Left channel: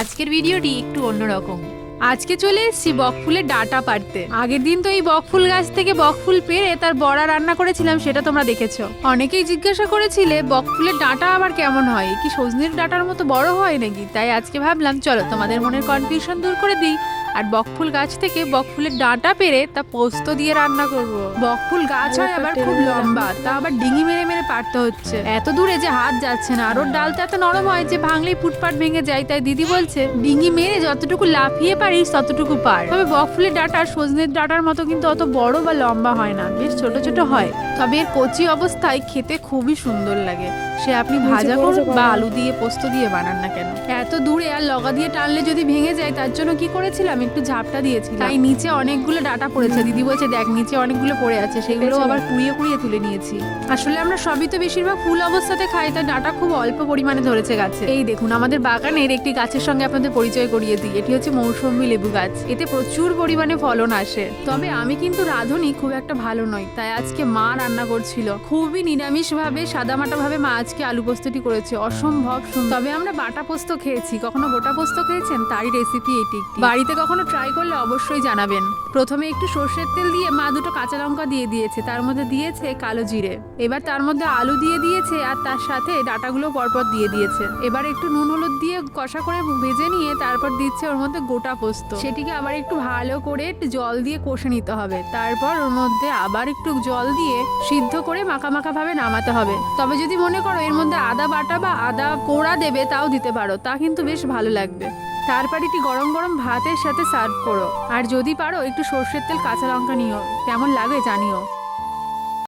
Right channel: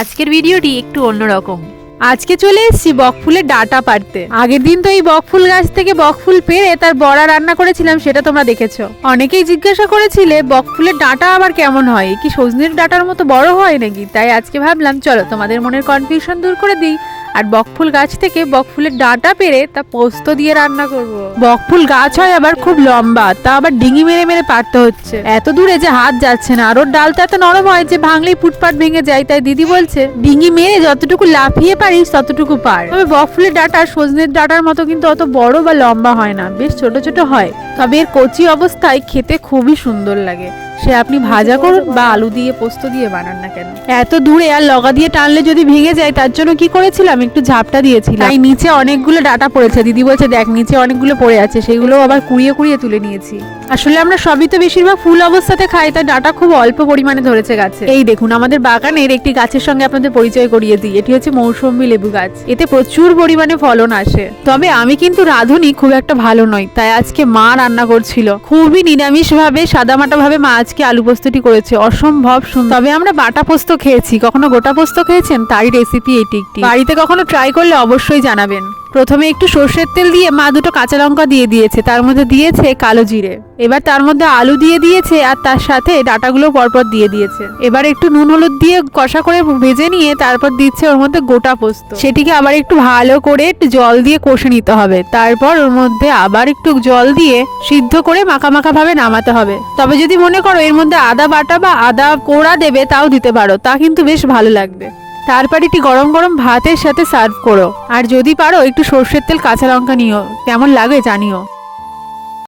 আজকের ভিডিওটি একটু অন্যরকম। আজকে চলে এসেছি বকফুলের ডাঁটা পাড়তে। আগের দিন তো এই বকফুল গাছ থেকে বকফুল পেড়ে তার বড়া রান্না করেছিলাম, সেটা তোমরা দেখেছো। অনেকেই জিজ্ঞাসা করেছিলে বকফুলের ডাঁটা আবার কেমন হয়, কি সজনের ডাঁটার মতো বড় হয় নাকি। তাই আজকে ভাবলাম চলো তোমাদের মনের কনফিউশন দূর করে দিই আর বকফুল গাছ থেকে বকফুলের ডাঁটা পেড়ে তা পোস্ত দিয়ে রান্না করব। বকফুল গাছ হয় আবার খুব লম্বা, তা আবার ডিঙি মেরে মেরে পাড়তে হচ্ছে। এত দূরে যে হাত যাচ্ছে না, আর ওর ডালটা এত নরম হয় যে ভাঙলেই ফুটপাট ভেঙে যায়। তাই দিদি বলছে ডিঙি মেরে যতটুকু লাফিয়ে পারিস ততটুকু পার। তবে বকফুলের ডাঁটা সজনের ডাঁটার মতো কিন্তু অত বড় বা লম্বা হয় না, বেশ ছোট ছোট হয়। তবে এর কচি অবস্থায় খেতে খুবই সুন্দর লাগে, সে আপনি ভাজা করুন বা আলু দিয়ে পোস্ত দিয়ে বানান না কেন। এত দূরে আর লগা দিয়ে টানলে যদি ভেঙে যায়, তার জন্য কি করেছিলাম, একটু ঝাপটা দিয়েছিলাম। তাই নিচে অনেকগুলো ডাঁটা পড়েছে। দিদি বলছে দেখ নিচে অনেকগুলো পড়ে আছে, সেগুলো আবার কুড়িয়ে কুড়িয়ে তুলে নিয়েছি। আসলে আমরা সবই তো বেশিরভাগ ফুল অবস্থাতে খাই, তাই ডাঁটা খুব অল্প পরিমাণে ধরেছে গাছে। এই দেখুন আমাদের বাগানের একটি গাছের সঙ্গে আপনাদের পরিচয় করিয়ে দিই। এটি হচ্ছে মৌসুমী লেবু গাছ, এতে প্রচুর পরিমাণে ফলন আসে। তবে আমি কিন্তু রাঁধুনি খুব একটা ভালো নয়, তাই আজকে মা রান্না করছিল খুবই নিরামিষ ভাবে, সাদামাটা ভাবে মা আজকে আলু পোস্তটি করেছে, অসম্ভব সুন্দর। তবে আমরা বাটা পোস্ত খেয়েছি, কখনো গোটা পোস্ত খেয়েছেন? তারই রেসিপি এটি একটি, বাড়িতে কখনো ট্রাই করলে অবশ্যই জানাবেন। প্রথমে একটু সর্ষের তেল দিয়ে মা দুটো কাঁচা লঙ্কা দিয়ে দিয়েছে, তার মধ্যে দিয়েছে কালো জিরে। এবার তার মধ্যে আলু দিয়ে দিয়েছে আর তার সাথে ডাঁটাগুলো পরপর দিয়ে দিয়েছে। এবার একটু নুন হলুদ দিয়ে কষা করে ভেজে নিয়ে তারপর দিচ্ছে ওর মধ্যে গোটা পোস্ত। সেটিকে আবার একটু ভালো করে একটু জল দিয়ে কষে নিতে হবে। তারপর ওর মধ্যে আবার একটু জল দিয়ে সিদ্ধ করে মাখা মাখা ভাবে নামাতে হবে। তবে যদি মনে করো এর মধ্যে আদা বাটা বা আদা কোড়া দেবে, তাও দিতে পারো, তা কিন্তু বেশ ভালো লাগবে। তারপর এটি গরম গরম ভাতের সাথে সার্ভ করো। আর যদি পারো একটু সর্ষের তেল কাঁচা লঙ্কা নিও, কেমন লাগে জানিও।